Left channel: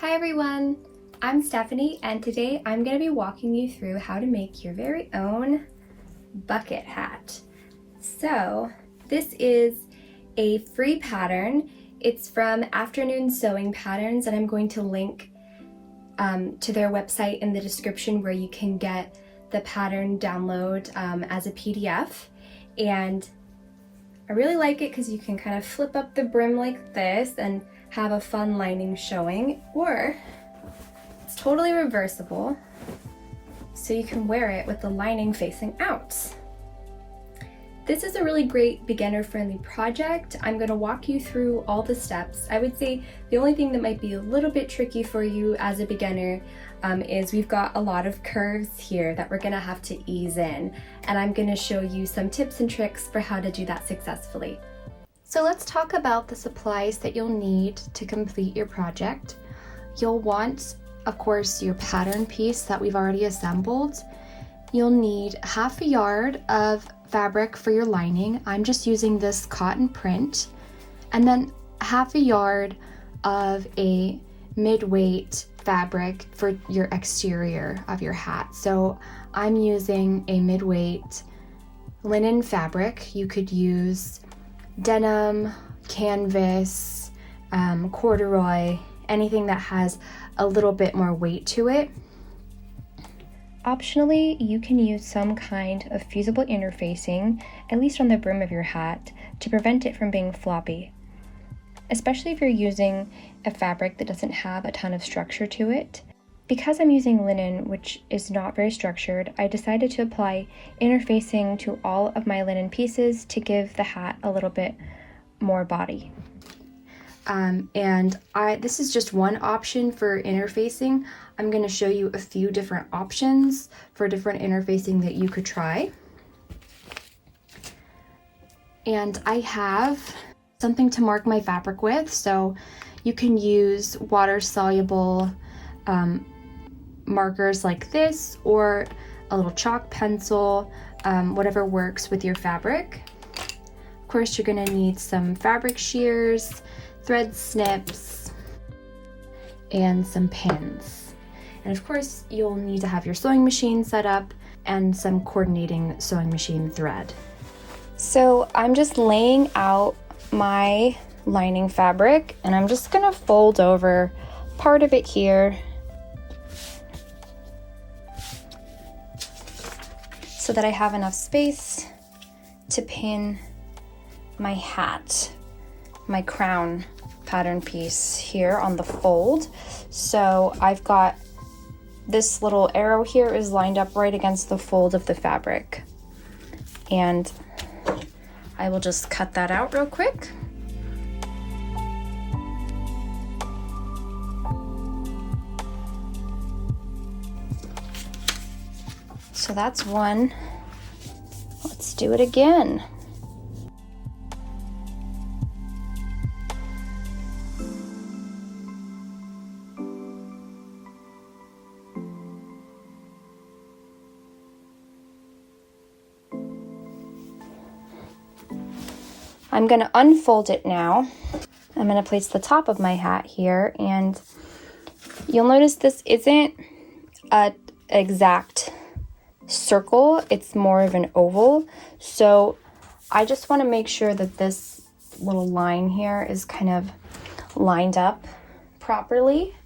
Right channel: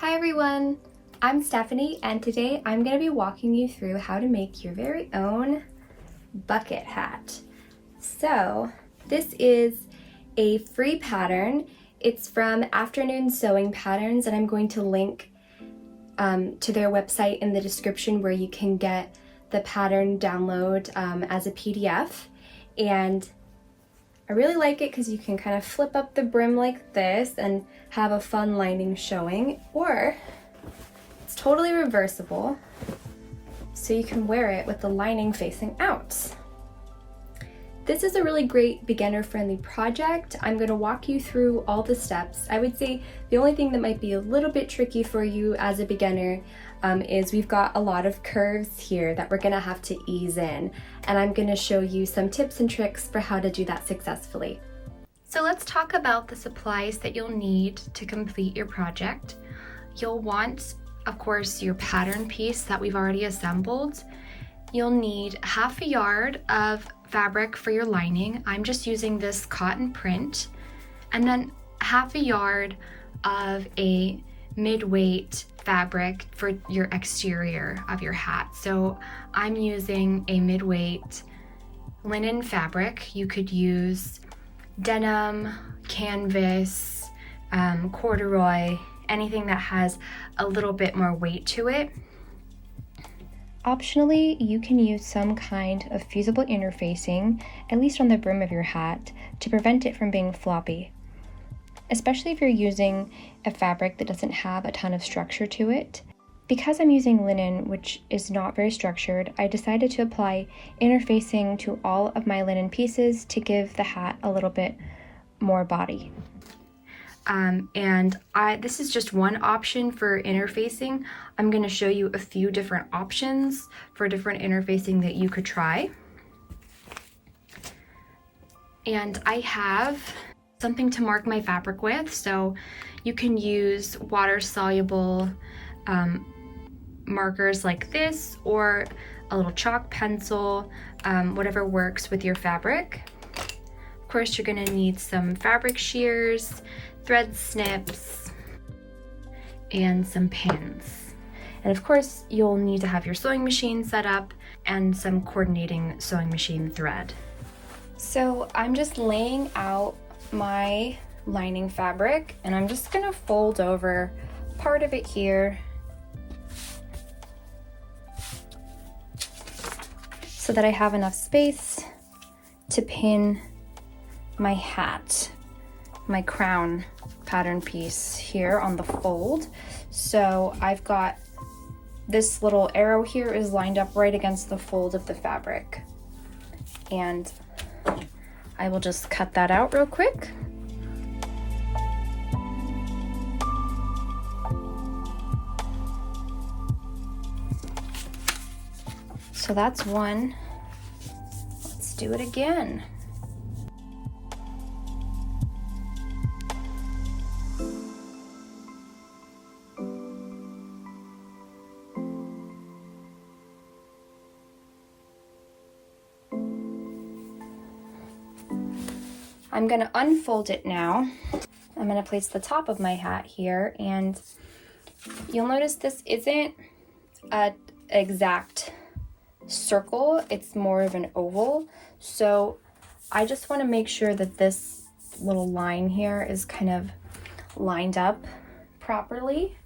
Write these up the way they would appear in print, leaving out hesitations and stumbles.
Hi everyone, I'm Stephanie and today I'm going to be walking you through how to make your very own bucket hat. So this is a free pattern. It's from Afternoon Sewing Patterns and I'm going to link to their website in the description where you can get the pattern download as a PDF. And I really like it because you can kind of flip up the brim like this and have a fun lining showing, or it's totally reversible so you can wear it with the lining facing out. This is a really great beginner-friendly project. I'm going to walk you through all the steps. I would say the only thing that might be a little bit tricky for you as a beginner is we've got a lot of curves here that we're going to have to ease in, and I'm going to show you some tips and tricks for how to do that successfully. So let's talk about the supplies that you'll need to complete your project. You'll want, of course, your pattern piece that we've already assembled. You'll need half a yard of fabric for your lining. I'm just using this cotton print. And then half a yard of a mid-weight fabric for your exterior of your hat. So I'm using a mid-weight linen fabric. You could use denim, canvas, corduroy, anything that has a little bit more weight to it. Optionally, you can use some kind of fusible interfacing, at least on the brim of your hat, to prevent it from being floppy. Especially if you're using a fabric that doesn't have a ton of structure to it. Because I'm using linen, which is not very structured, I decided to apply interfacing to all of my linen pieces to give the hat a little bit more body. This is just one option for interfacing. I'm going to show you a few different options for different interfacing that you could try. And I have something to mark my fabric with, so you can use water-soluble markers like this, or a little chalk pencil, whatever works with your fabric. Of course, you're going to need some fabric shears, thread snips, and some pins. And of course, you'll need to have your sewing machine set up and some coordinating sewing machine thread. So I'm just laying out my lining fabric, and I'm just gonna fold over part of it here so that I have enough space to pin my hat, my crown pattern piece here on the fold. So I've got this little arrow here is lined up right against the fold of the fabric, and I will just cut that out real quick. So that's one. Let's do it again. I'm going to unfold it now. I'm going to place the top of my hat here, and you'll notice this isn't an exact circle, it's more of an oval. So I just want to make sure that this little line here is kind of lined up properly.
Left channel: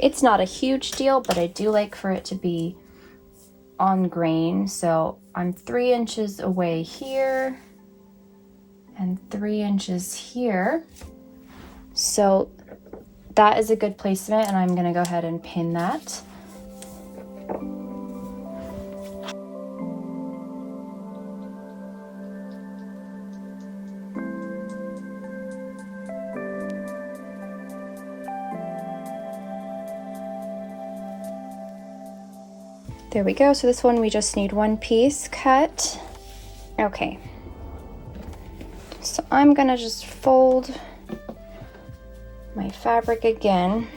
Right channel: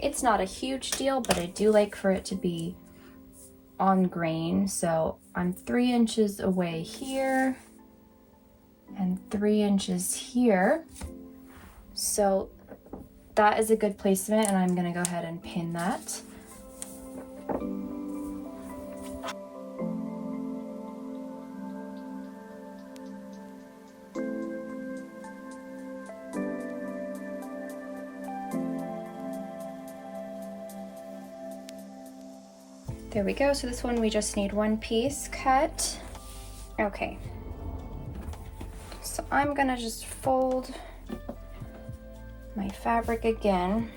It's not a huge deal, but I do like for it to be on grain. So I'm 3 inches away here and 3 inches here. So that is a good placement, and I'm going to go ahead and pin that. There we go. So this one we just need one piece cut. Okay. So I'm gonna just fold my fabric again.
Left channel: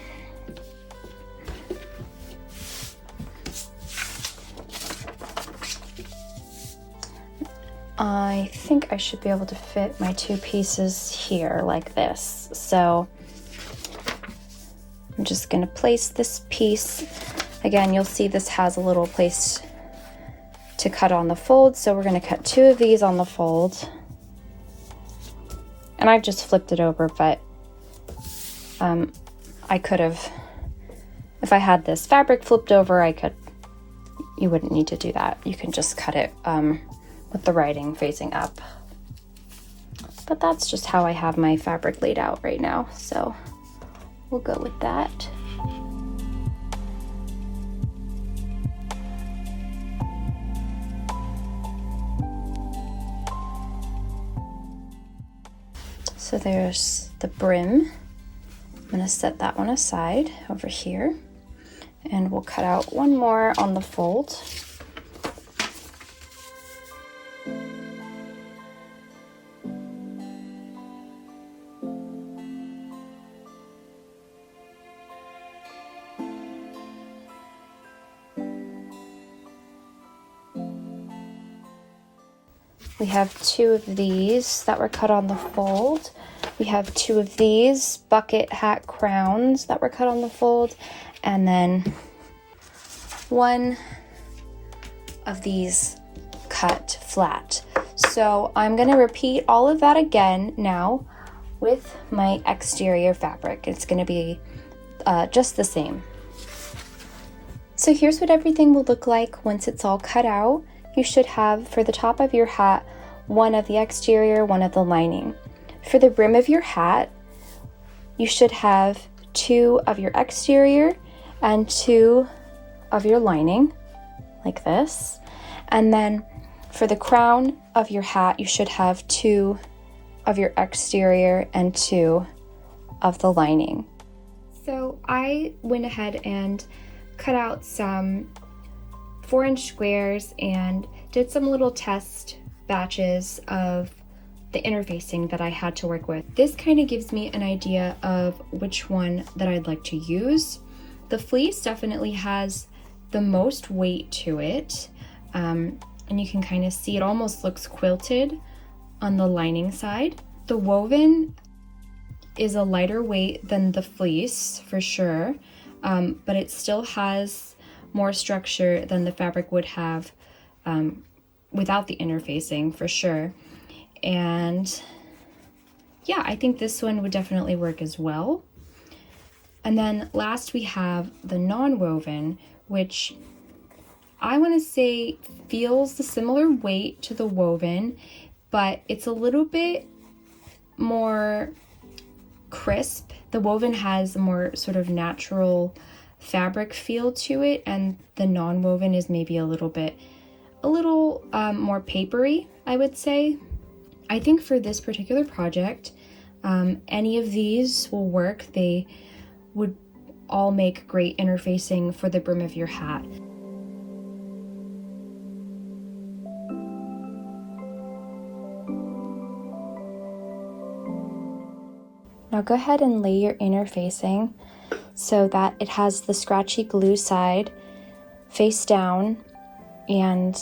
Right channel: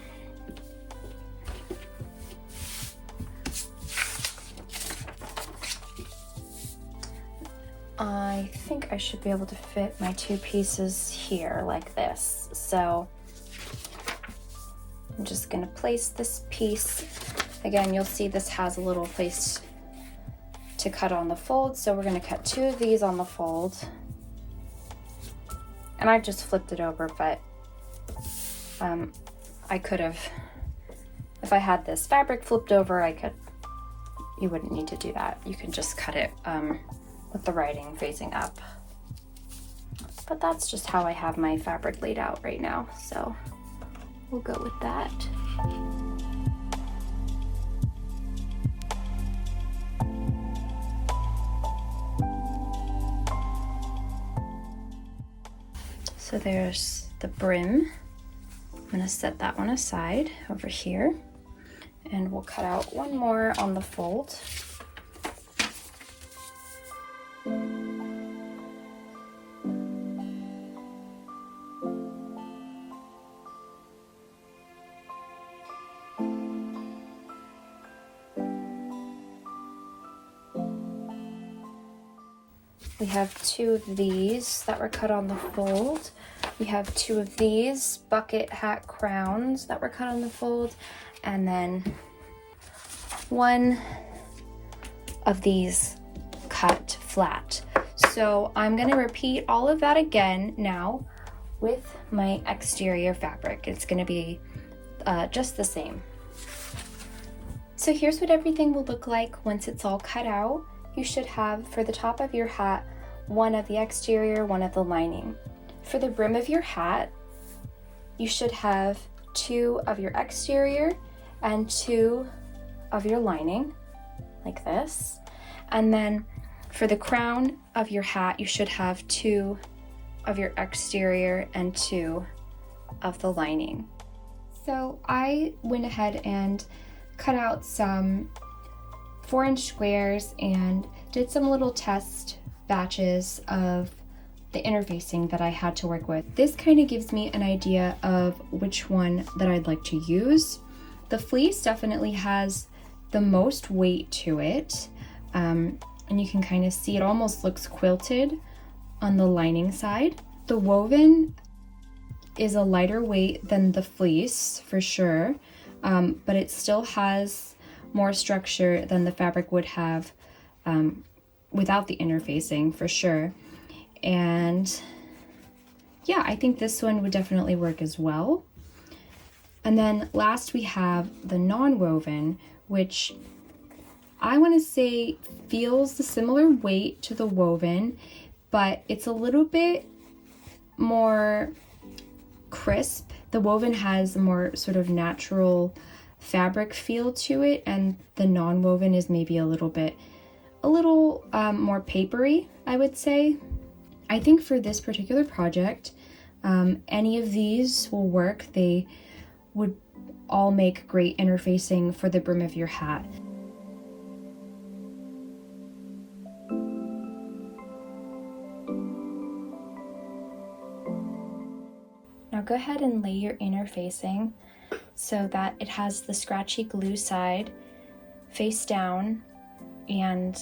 I think I should be able to fit my two pieces here like this. So I'm just going to place this piece. Again, you'll see this has a little place to cut on the fold, so we're going to cut 2 of these on the fold. And I just flipped it over, but I could have, if I had this fabric flipped over, you wouldn't need to do that. You can just cut it with the writing facing up. But that's just how I have my fabric laid out right now, so we'll go with that. So there's the brim. I'm going to set that one aside over here, and we'll cut out one more on the fold. We have 2 of these that were cut on the fold. We have 2 of these bucket hat crowns that were cut on the fold, and then 1 of these cut flat. So I'm going to repeat all of that again now with my exterior fabric. It's going to be just the same. So here's what everything will look like once it's all cut out. You should have, for the top of your hat, 1 of the exterior, 1 of the lining. For the brim of your hat, you should have 2 of your exterior and 2 of your lining, like this. And then for the crown of your hat, you should have 2 of your exterior and 2 of the lining. So I went ahead and cut out some 4-inch squares and did some little test batches of the interfacing that I had to work with. This kind of gives me an idea of which one that I'd like to use. The fleece definitely has the most weight to it, and you can kind of see it almost looks quilted on the lining side. The woven is a lighter weight than the fleece for sure, but it still has more structure than the fabric would have without the interfacing for sure. And yeah, I think this one would definitely work as well. And then last we have the non-woven, which I want to say feels the similar weight to the woven, but it's a little bit more crisp. The woven has a more sort of natural fabric feel to it, and the non-woven is maybe a little more papery, I would say. I think for this particular project, any of these will work. They would all make great interfacing for the brim of your hat. Now go ahead and lay your interfacing so that it has the scratchy glue side face down and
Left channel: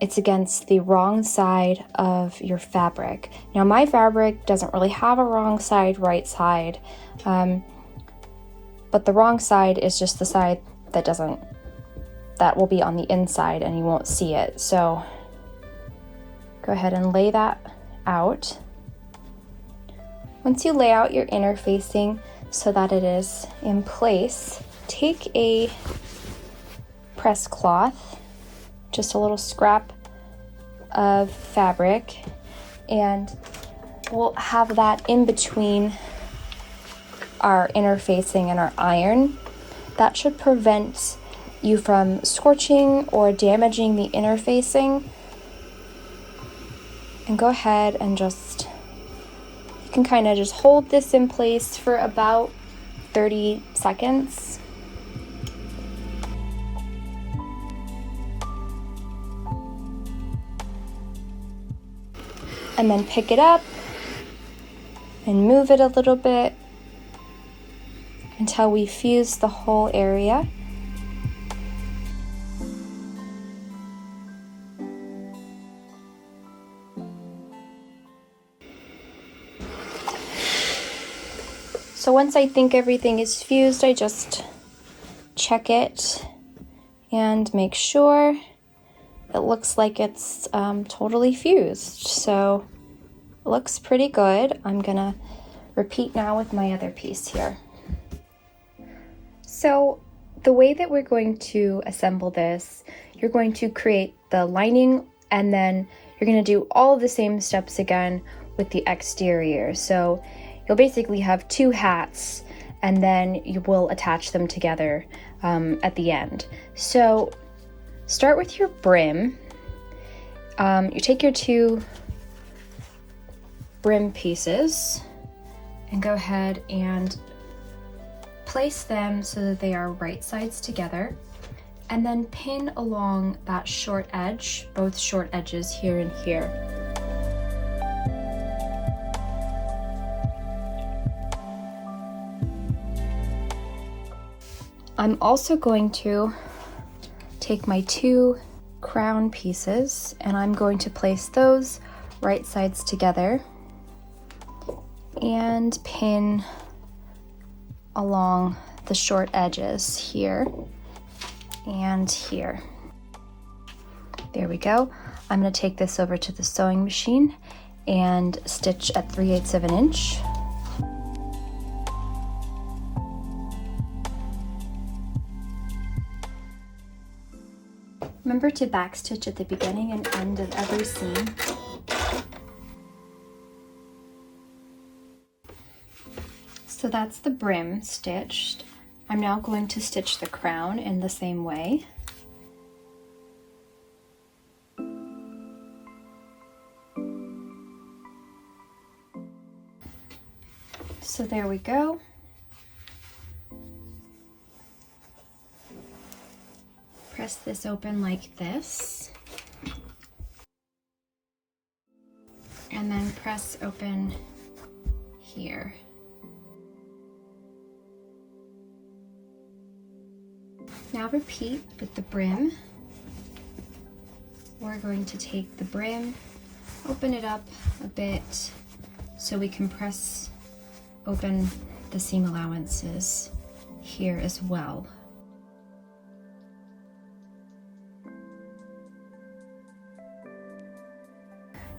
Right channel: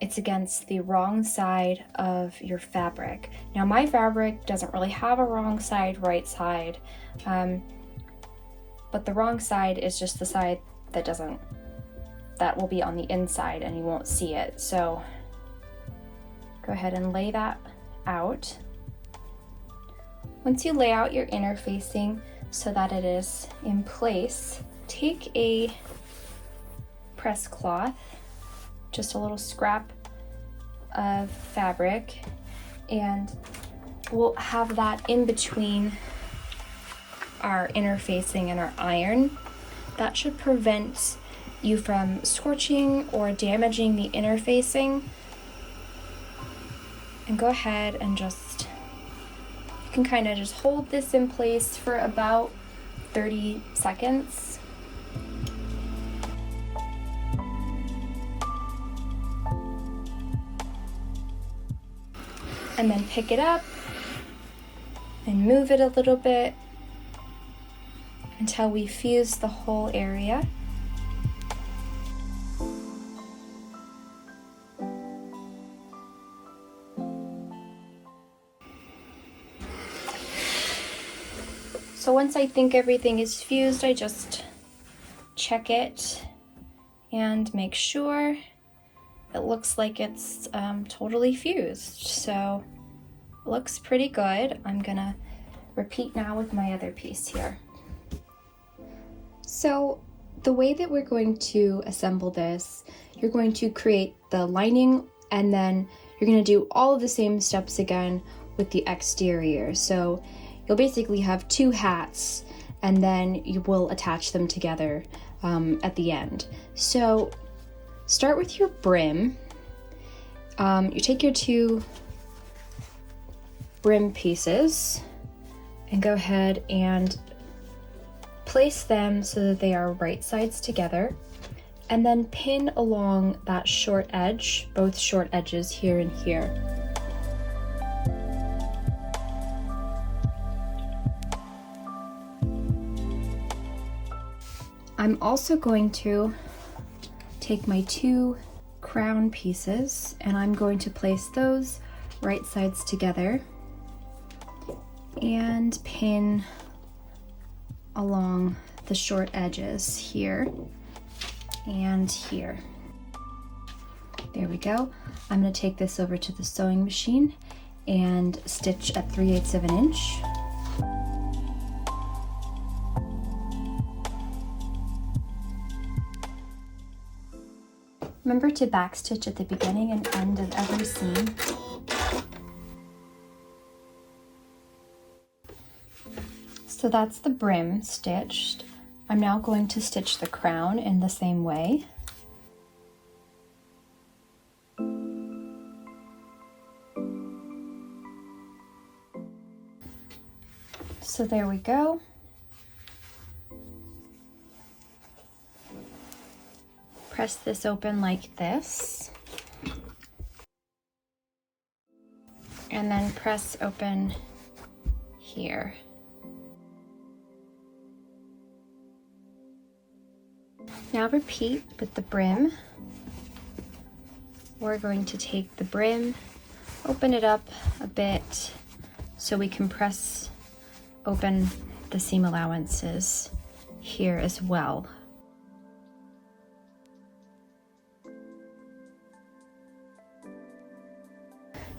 it's against the wrong side of your fabric. Now my fabric doesn't really have a wrong side, right side, but the wrong side is just the side that will be on the inside and you won't see it. So go ahead and lay that out. Once you lay out your interfacing so that it is in place, take a press cloth, just a little scrap of fabric, and we'll have that in between our interfacing and our iron. That should prevent you from scorching or damaging the interfacing. And go ahead and you can kind of just hold this in place for about 30 seconds. And then pick it up and move it a little bit until we fuse the whole area. So once I think everything is fused, I just check it and make sure it looks like it's totally fused. So it looks pretty good. I'm gonna repeat now with my other piece here. So the way that we're going to assemble this, you're going to create the lining and then you're going to do all of the same steps again with the exterior. So you'll basically have two hats and then you will attach them together at the end. So start with your brim. You take your two brim pieces and go ahead and place them so that they are right sides together, and then pin along that short edge, both short edges here and here. I'm also going to take my two crown pieces and I'm going to place those right sides together and pin along the short edges here and here. There we go. I'm going to take this over to the sewing machine and stitch at 3/8 of an inch. Remember to backstitch at the beginning and end of every seam. So that's the brim stitched. I'm now going to stitch the crown in the same way. So there we go. Press this open like this. And then press open here. Now repeat with the brim. We're going to take the brim, open it up a bit so we can press open the seam allowances here as well.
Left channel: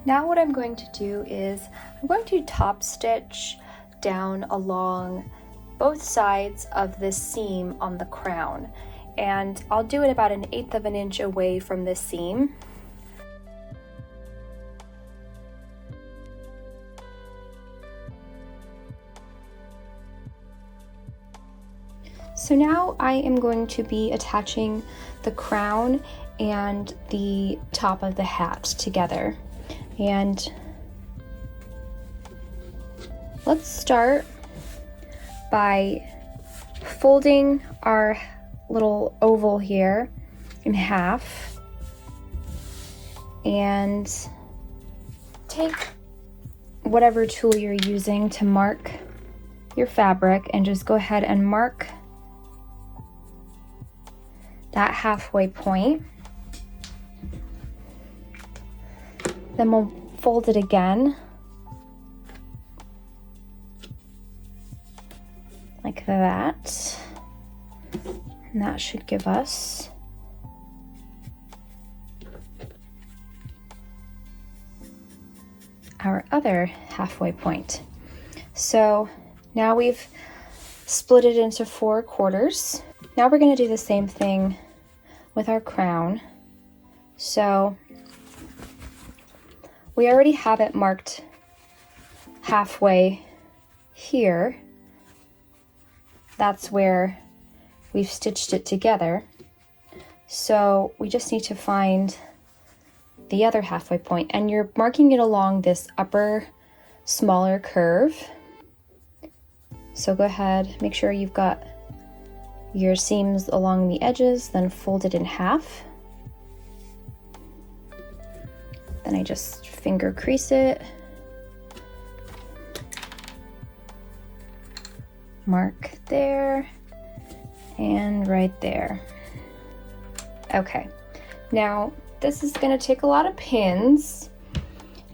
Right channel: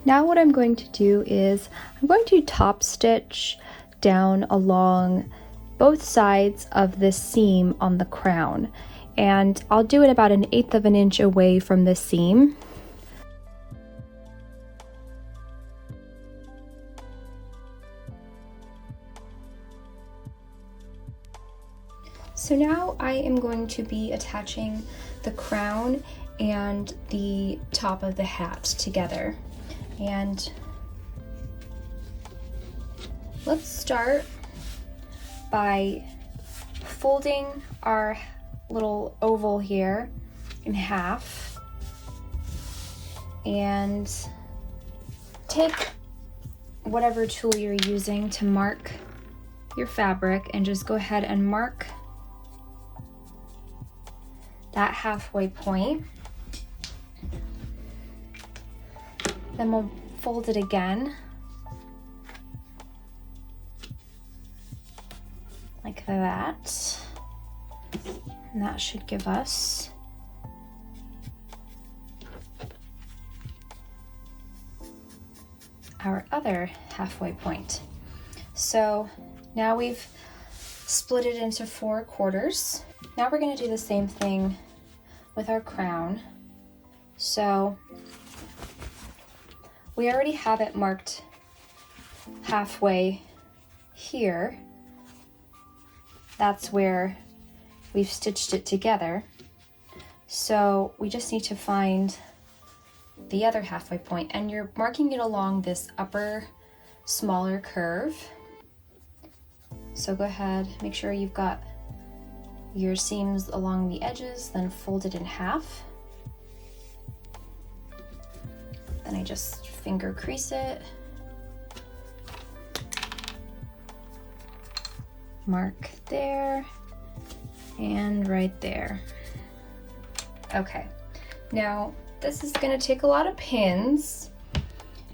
Now what I'm going to do is I'm going to top stitch down along both sides of this seam on the crown, and I'll do it about 1/8 of an inch away from the seam. So now I am going to be attaching the crown and the top of the hat together. And let's start by folding our little oval here in half and take whatever tool you're using to mark your fabric and just go ahead and mark that halfway point. Then we'll fold it again like that, and that should give us our other halfway point. So now we've split it into 4 quarters. Now we're going to do the same thing with our crown. So we already have it marked halfway here. That's where we've stitched it together. So we just need to find the other halfway point, and you're marking it along this upper smaller curve. So go ahead, make sure you've got your seams along the edges, then fold it in half. Then I just finger crease it, mark there, and right there. Okay, now this is going to take a lot of pins,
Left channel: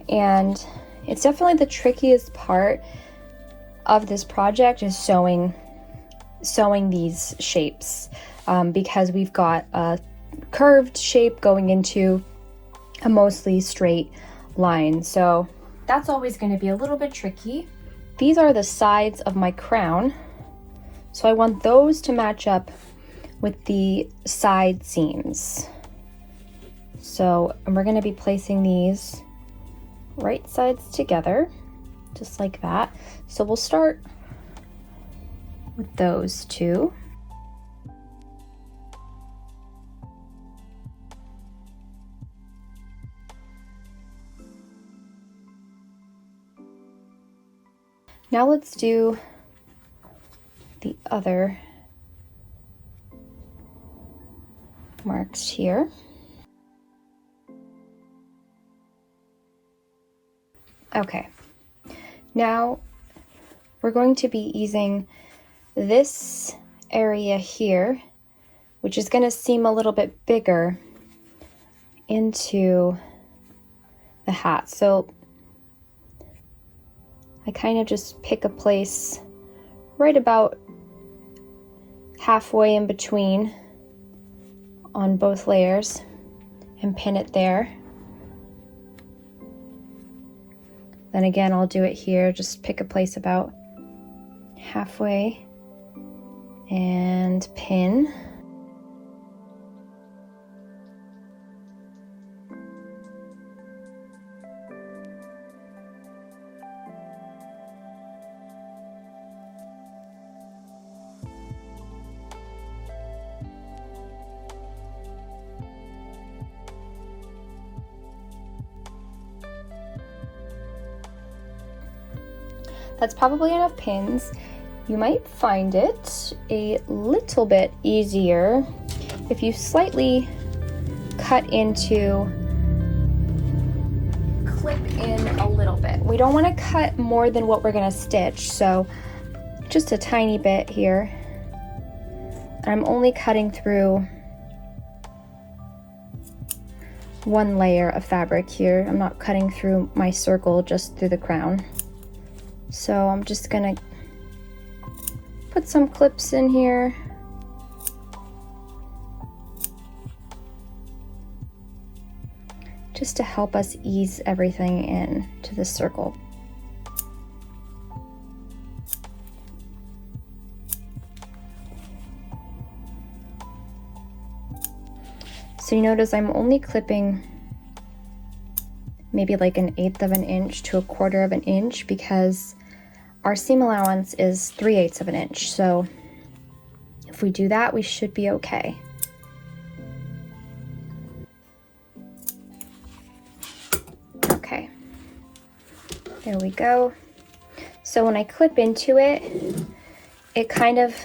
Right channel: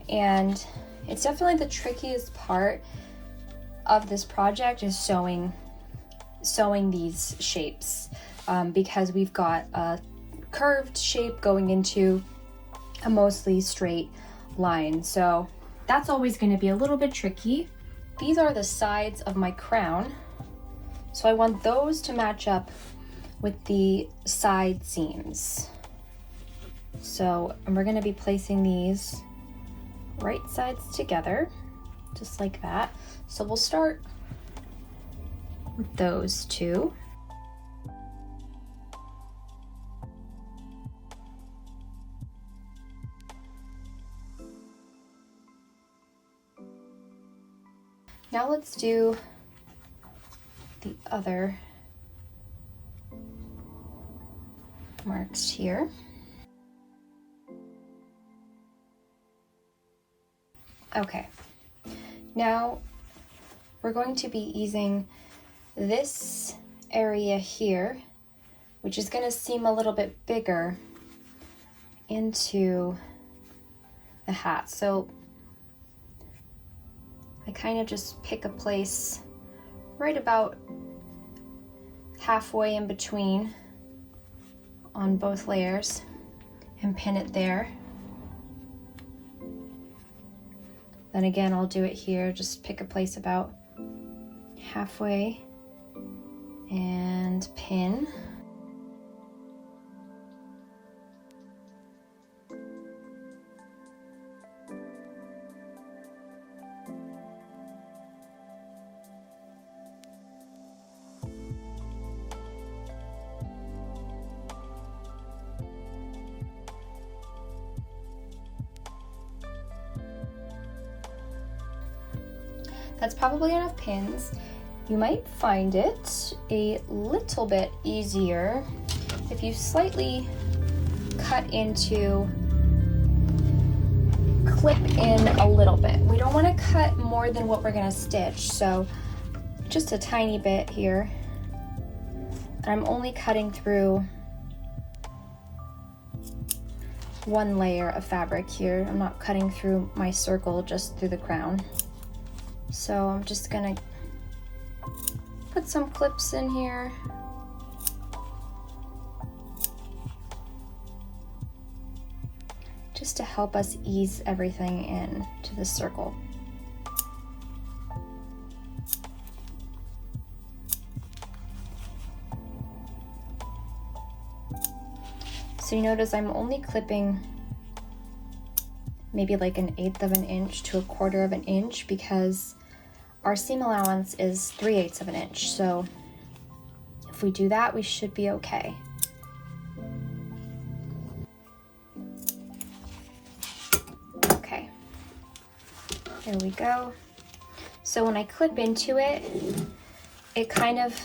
and it's definitely the trickiest part of this project is sewing these shapes, because we've got a curved shape going into a mostly straight line. So that's always going to be a little bit tricky. These are the sides of my crown. So I want those to match up with the side seams. So we're going to be placing these right sides together, just like that. So we'll start with those two. Now let's do the other marks here. Okay, now we're going to be easing this area here, which is going to seem a little bit bigger, into the hat. So I kind of just pick a place right about halfway in between on both layers and pin it there. Then again, I'll do it here, just pick a place about halfway and pin. That's probably enough pins. You might find it a little bit easier if you slightly cut into, clip in a little bit. We don't want to cut more than what we're going to stitch, so just a tiny bit here. I'm only cutting through one layer of fabric here. I'm not cutting through my circle, just through the crown. So I'm just gonna put some clips in here. Just to help us ease everything in to the circle. So you notice I'm only clipping maybe like 1/8 of an inch to 1/4 of an inch, because our seam allowance is 3/8 of an inch. So if we do that, we should be okay. Okay, there we go. So when I clip into it, it kind of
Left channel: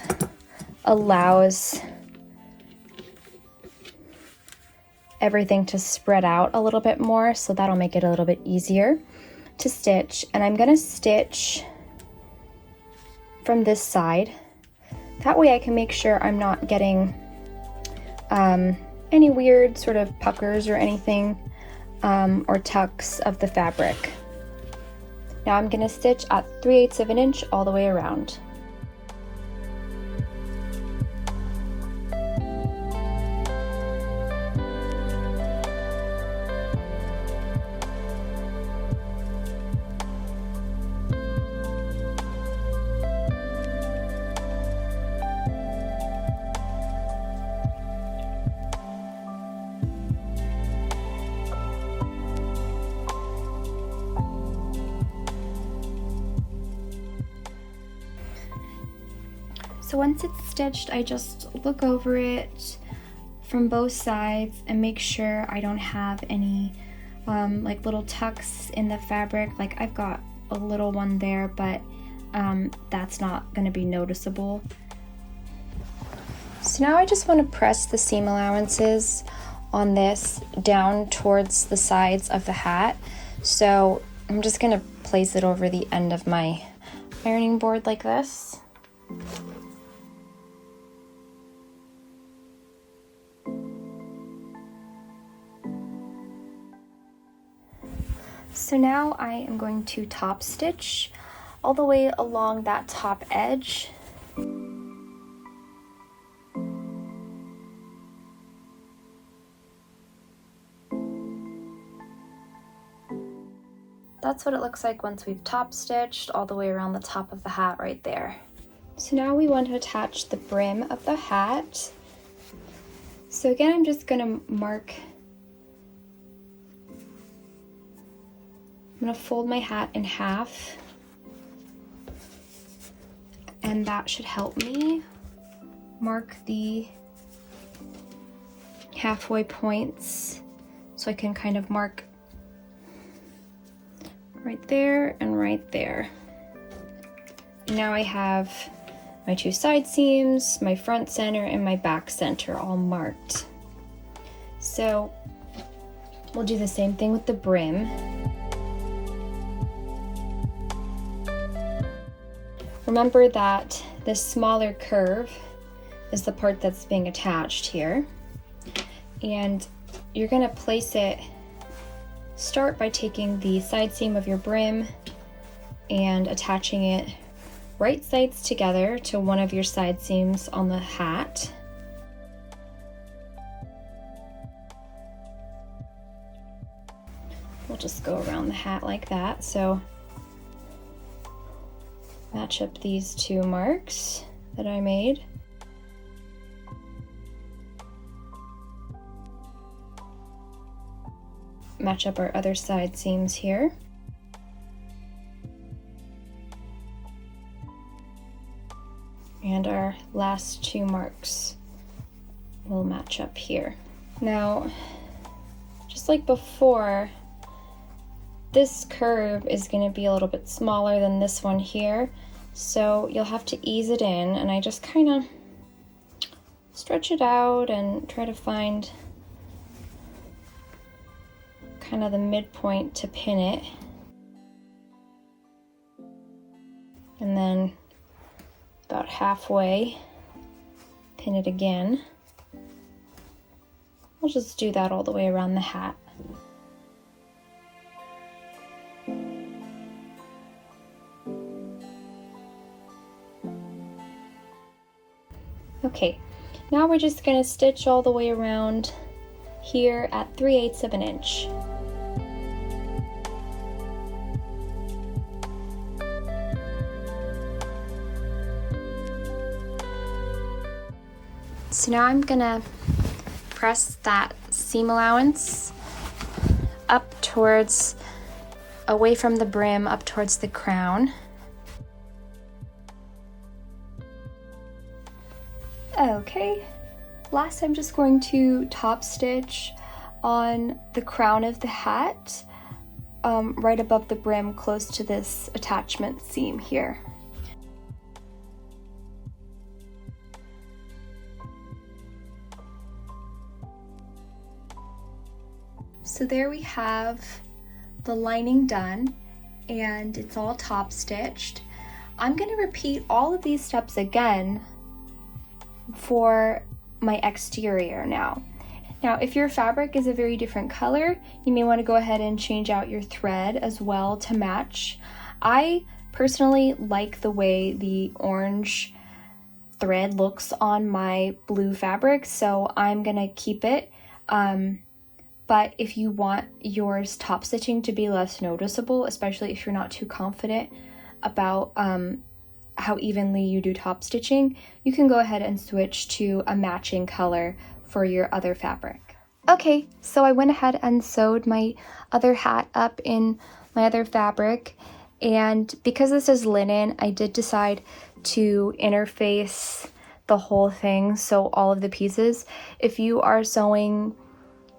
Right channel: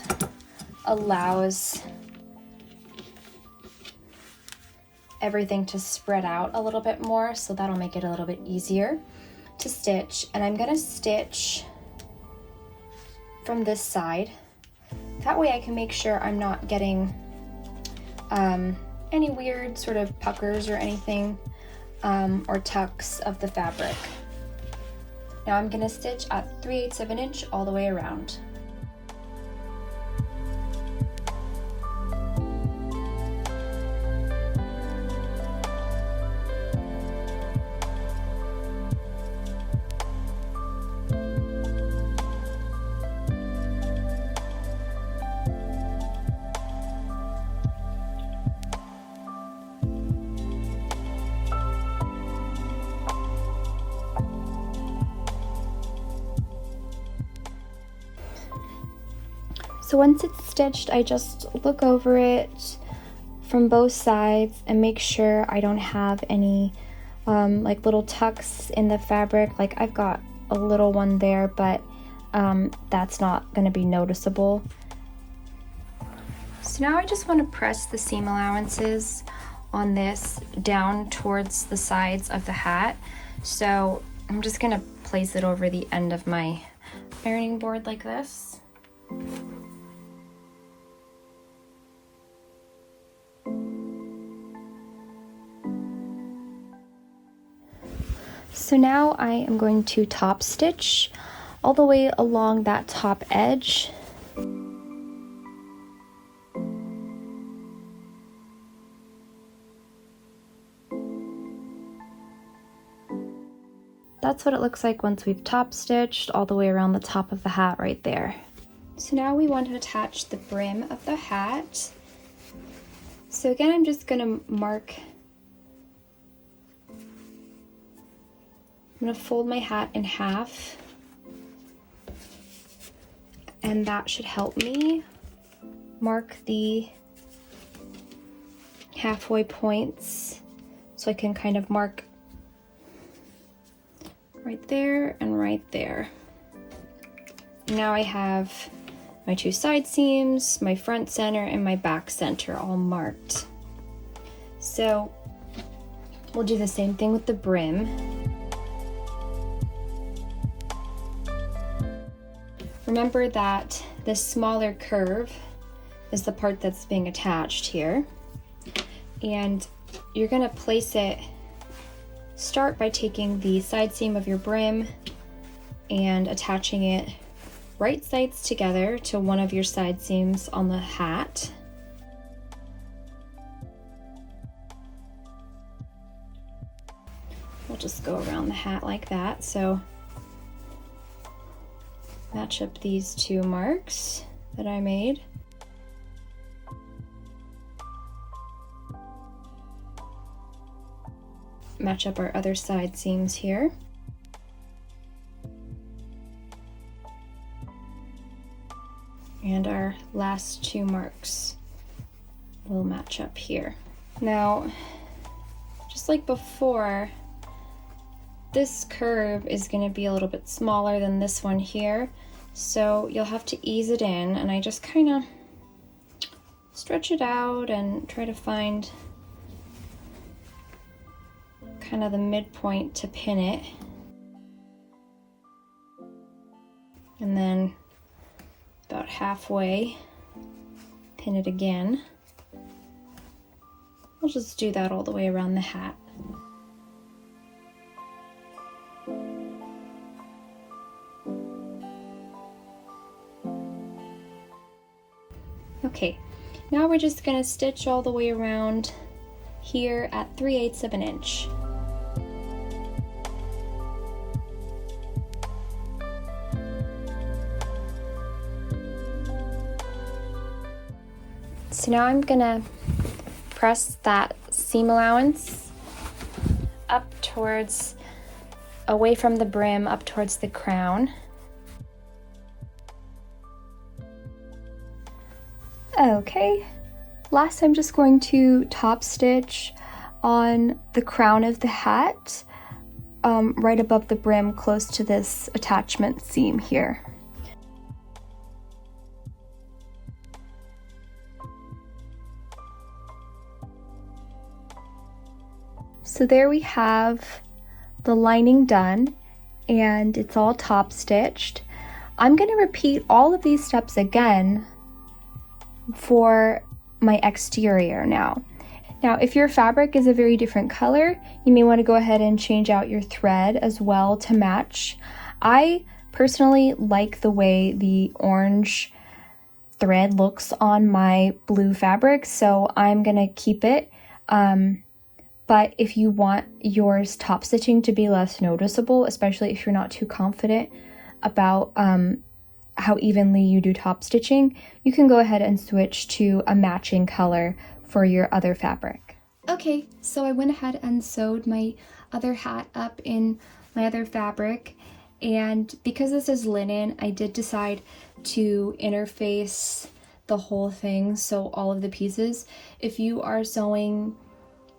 allows everything to spread out a little bit more, so that'll make it a little bit easier to stitch. And I'm gonna stitch from this side. That way I can make sure I'm not getting any weird sort of puckers or anything, or tucks of the fabric. Now I'm gonna stitch at 3/8 of an inch all the way around. So once it's stitched, I just look over it from both sides and make sure I don't have any like little tucks in the fabric. Like I've got a little one there, but that's not going to be noticeable. So now I just want to press the seam allowances on this down towards the sides of the hat. So I'm just going to place it over the end of my ironing board like this. So now I am going to top stitch all the way along that top edge. That's what it looks like once we've top stitched all the way around the top of the hat right there. So now we want to attach the brim of the hat. So again, I'm just going to I'm going to fold my hat in half, and that should help me mark the halfway points, so I can kind of mark right there and right there. Now I have my 2 side seams, my front center, and my back center all marked. So we'll do the same thing with the brim. Remember that this smaller curve is the part that's being attached here. And you're gonna place it, start by taking the side seam of your brim and attaching it right sides together to one of your side seams on the hat. We'll just go around the hat like that. So match up these 2 marks that I made. Match up our other side seams here. And our last 2 marks will match up here. Now, just like before, this curve is going to be a little bit smaller than this one here, so you'll have to ease it in, and I just kind of stretch it out and try to find kind of the midpoint to pin it. And then about halfway, pin it again. I'll just do that all the way around the hat. Okay, now we're just going to stitch all the way around here at 3/8 of an inch. So now I'm gonna press that seam allowance up towards, away from the brim, up towards the crown. Okay, last I'm just going to top stitch on the crown of the hat, right above the brim, close to this attachment seam here. So there we have the lining done, and it's all top stitched. I'm going to repeat all of these steps again for my exterior now. Now, if your fabric is a very different color, you may want to go ahead and change out your thread as well to match. I personally like the way the orange thread looks on my blue fabric, so I'm going to keep it. But if you want yours top stitching to be less noticeable, especially if you're not too confident about how evenly you do top stitching, you can go ahead and switch to a matching color for your other fabric. Okay, so I went ahead and sewed my other hat up in my other fabric, and because this is linen, I did decide to interface the whole thing, so all of the pieces. If you are sewing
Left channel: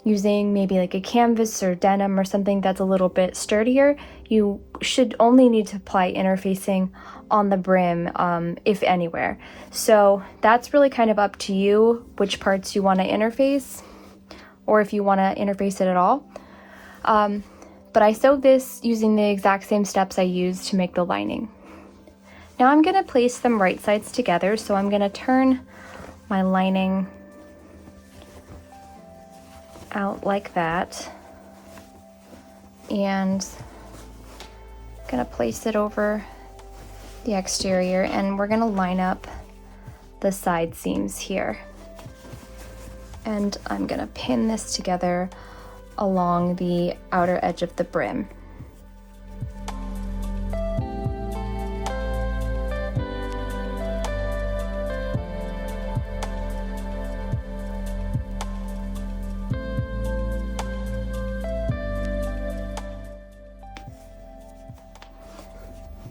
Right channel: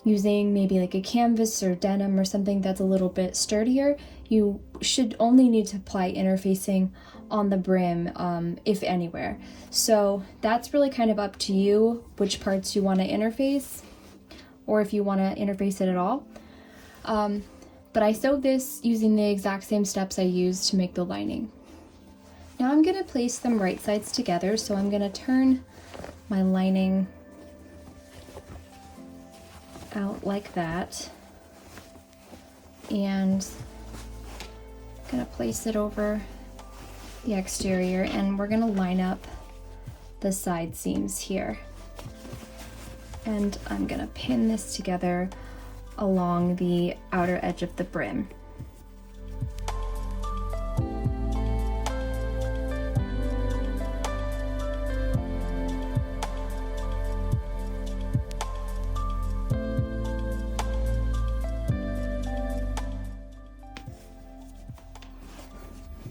using maybe like a canvas or denim or something that's a little bit sturdier, you should only need to apply interfacing on the brim, if anywhere. So that's really kind of up to you which parts you want to interface, or if you want to interface it at all. But I sewed this using the exact same steps I used to make the lining. Now I'm going to place them right sides together, so I'm going to turn my lining out like that, and I'm gonna place it over the exterior, and we're gonna line up the side seams here. And I'm gonna pin this together along the outer edge of the brim.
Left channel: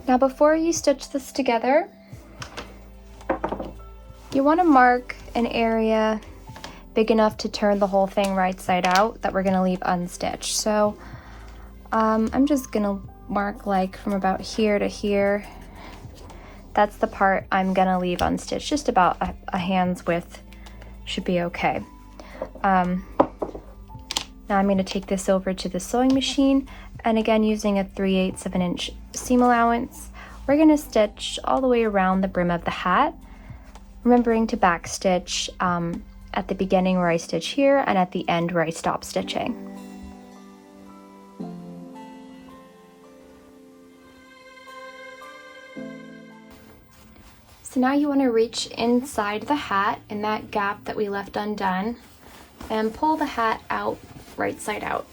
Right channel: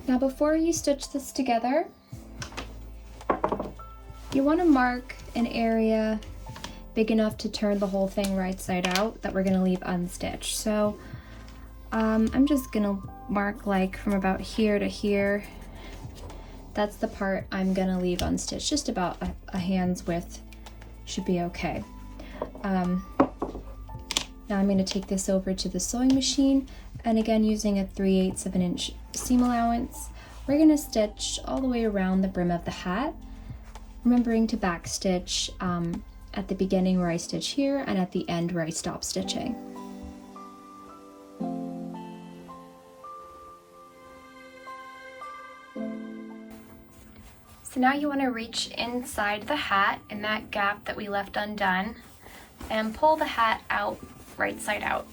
Now before you stitch this together, you want to mark an area big enough to turn the whole thing right side out that we're going to leave unstitched. So I'm just going to mark like from about here to here. That's the part I'm going to leave unstitched. Just about a hand's width should be okay. Now I'm going to take this over to the sewing machine, and again using a 3/8 of an inch seam allowance, we're going to stitch all the way around the brim of the hat, remembering to back stitch at the beginning where I stitch here and at the end where I stop stitching. So now you want to reach inside the hat in that gap that we left undone and pull the hat out right side out.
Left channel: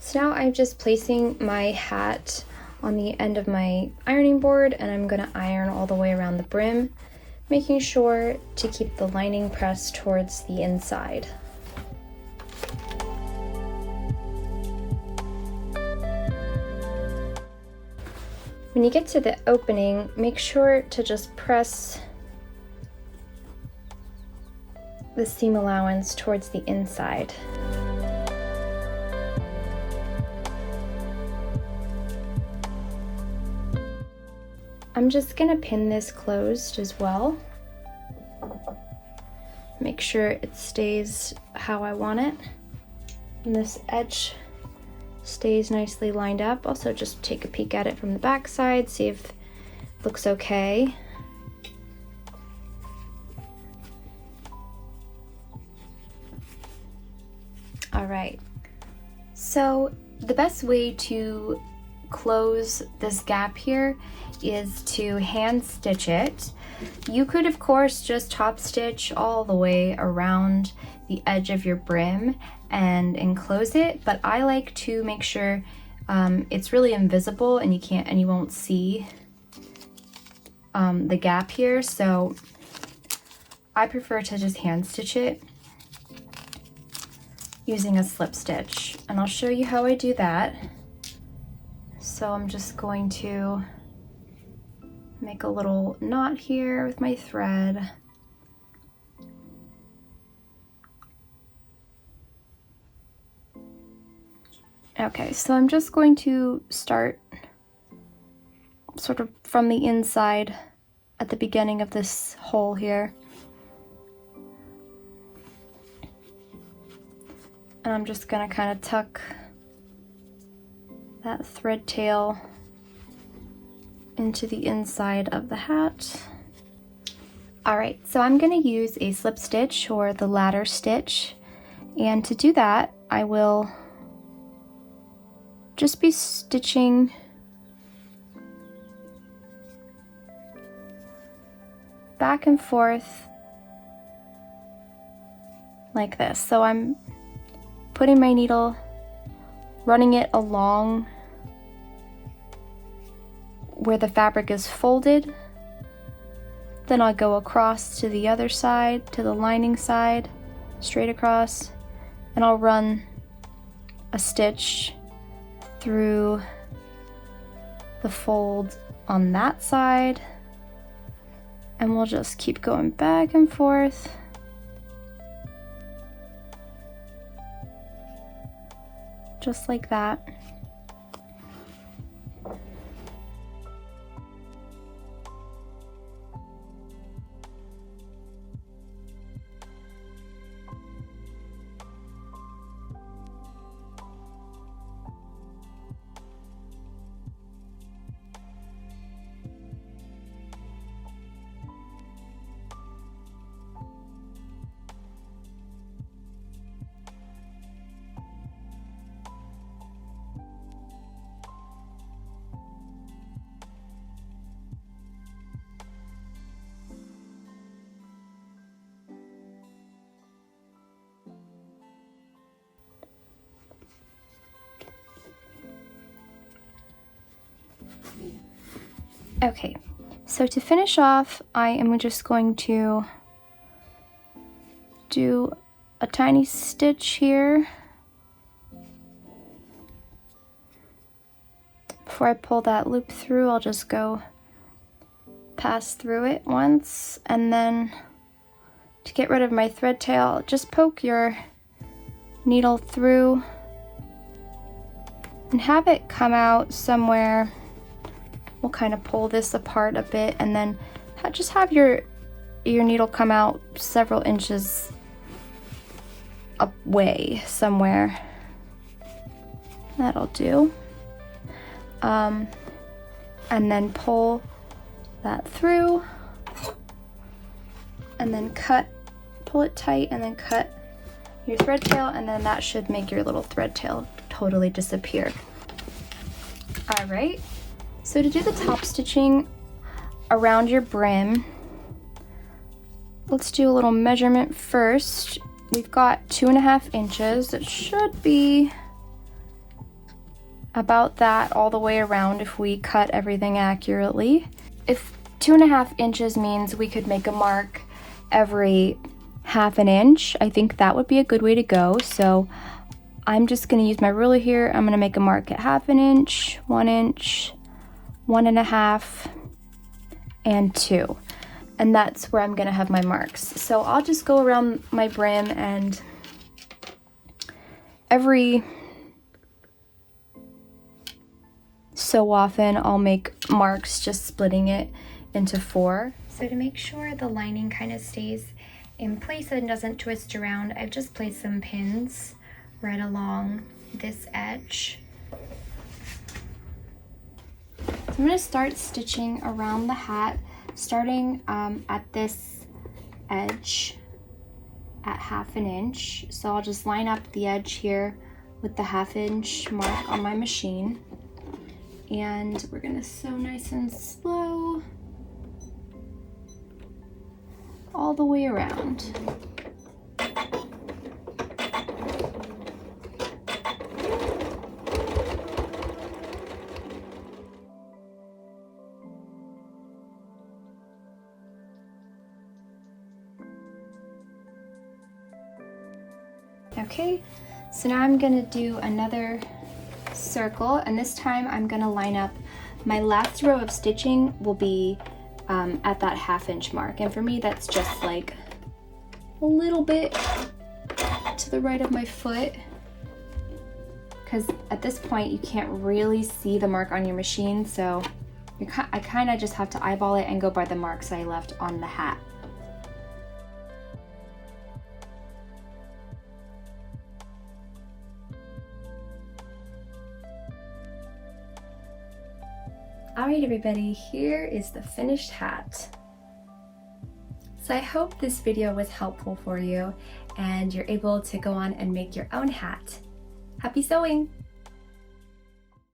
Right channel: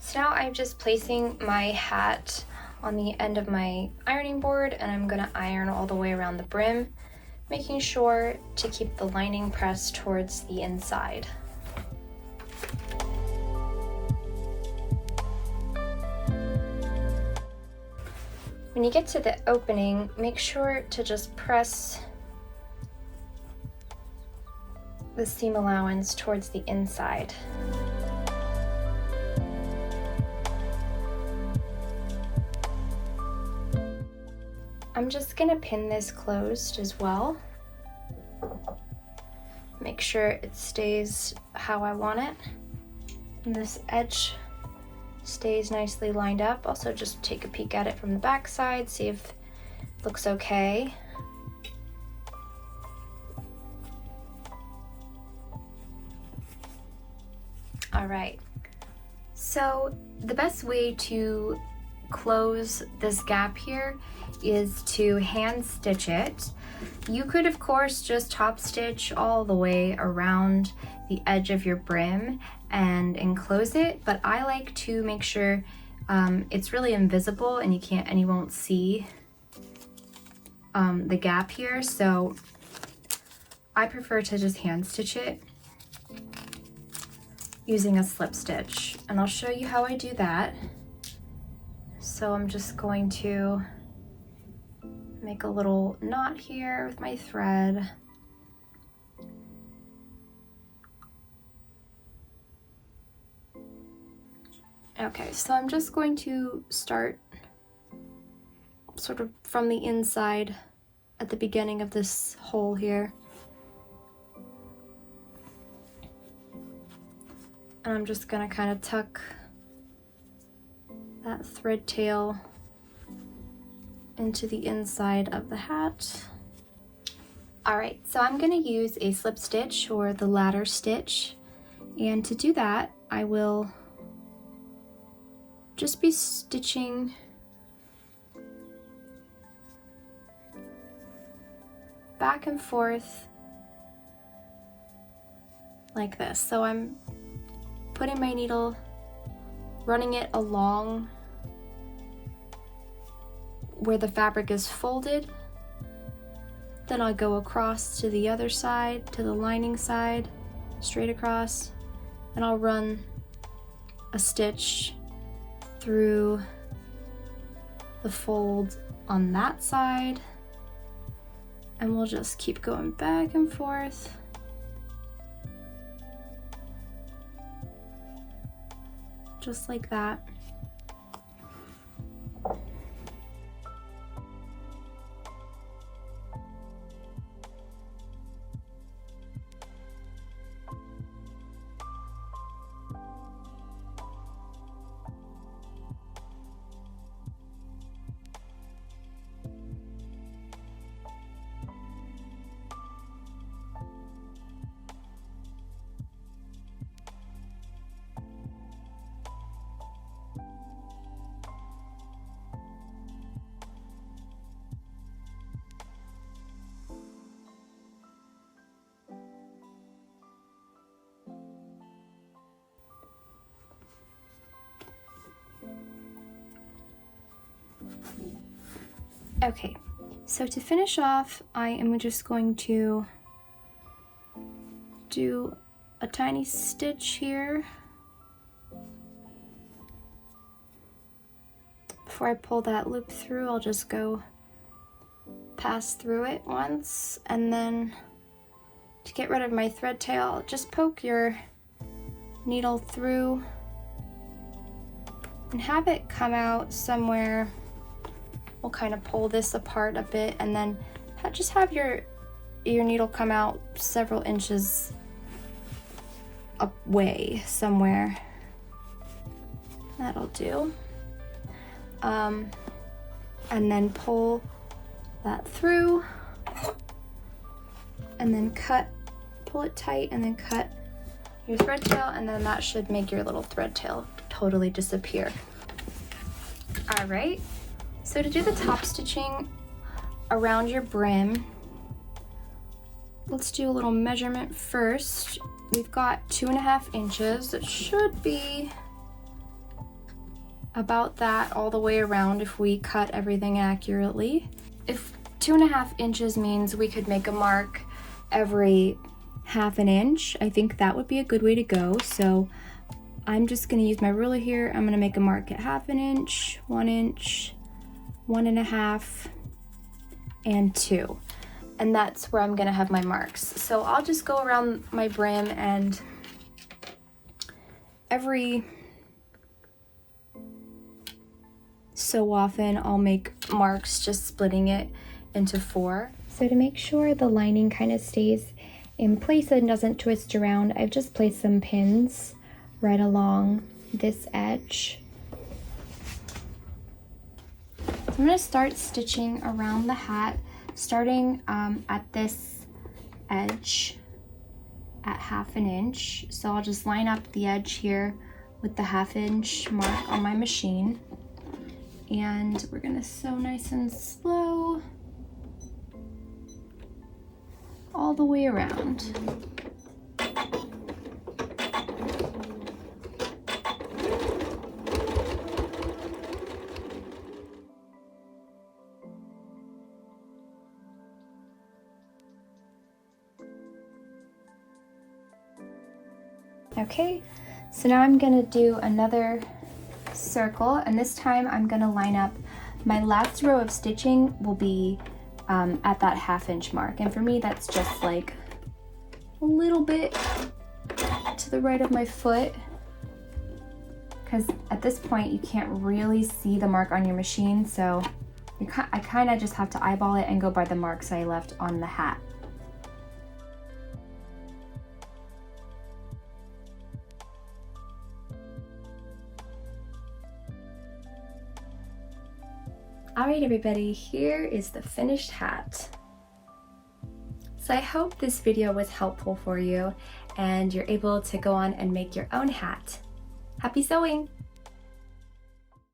So now I'm just placing my hat on the end of my ironing board, and I'm going to iron all the way around the brim, making sure to keep the lining pressed towards the inside. When you get to the opening, make sure to just press the seam allowance towards the inside. I'm just going to pin this closed as well. Make sure it stays how I want it. And this edge stays nicely lined up. Also just take a peek at it from the back side, see if it looks okay. All right, so the best way to close this gap here is to hand stitch it. You could of course just top stitch all the way around the edge of your brim and enclose it, but I like to make sure it's really invisible and you won't see the gap here, so I prefer to just hand stitch it using a slip stitch, and I'll show you how I do that. So I'm just going to make a little knot here with my thread. Okay, so I'm just going to start sort of from the inside at the beginning of this hole here. And I'm just gonna kind of tuck that thread tail into the inside of the hat. All right, so I'm gonna use a slip stitch or the ladder stitch. And to do that, I will just be stitching back and forth like this. So I'm putting my needle, running it along where the fabric is folded. Then I'll go across to the other side, to the lining side, straight across, and I'll run a stitch through the fold on that side, and we'll just keep going back and forth. Just like that. Okay, so to finish off, I am just going to do a tiny stitch here before I pull that loop through. I'll just go pass through it once, and then to get rid of my thread tail, just poke your needle through and have it come out somewhere. We'll kind of pull this apart a bit, and then just have your needle come out several inches away somewhere. That'll do. And then pull that through, and then pull it tight, and then cut your thread tail, and then that should make your little thread tail totally disappear. All right, so to do the top stitching around your brim, let's do a little measurement first. We've got 2.5 inches. It should be about that all the way around if we cut everything accurately. If 2.5 inches means we could make a mark every 1/2 inch, I think that would be a good way to go. So I'm just gonna use my ruler here. I'm gonna make a mark at 1/2 inch, 1 inch, 1.5, and 2. And that's where I'm gonna have my marks. So I'll just go around my brim, and every so often I'll make marks, just splitting it into 4. So to make sure the lining kind of stays in place and doesn't twist around, I've just placed some pins right along this edge. So I'm going to start stitching around the hat, starting at this edge at 1/2 inch. So I'll just line up the edge here with the 1/2 inch mark on my machine. And we're gonna sew nice and slow all the way around. Okay, so now I'm gonna do another circle, and this time I'm gonna line up my last row of stitching will be at that 1/2 inch mark, and for me that's just like a little bit to the right of my foot, because at this point you can't really see the mark on your machine, so I kind of just have to eyeball it and go by the marks I left on the hat. Alright everybody, here is the finished hat. So I hope this video was helpful for you and you're able to go on and make your own hat. Happy sewing!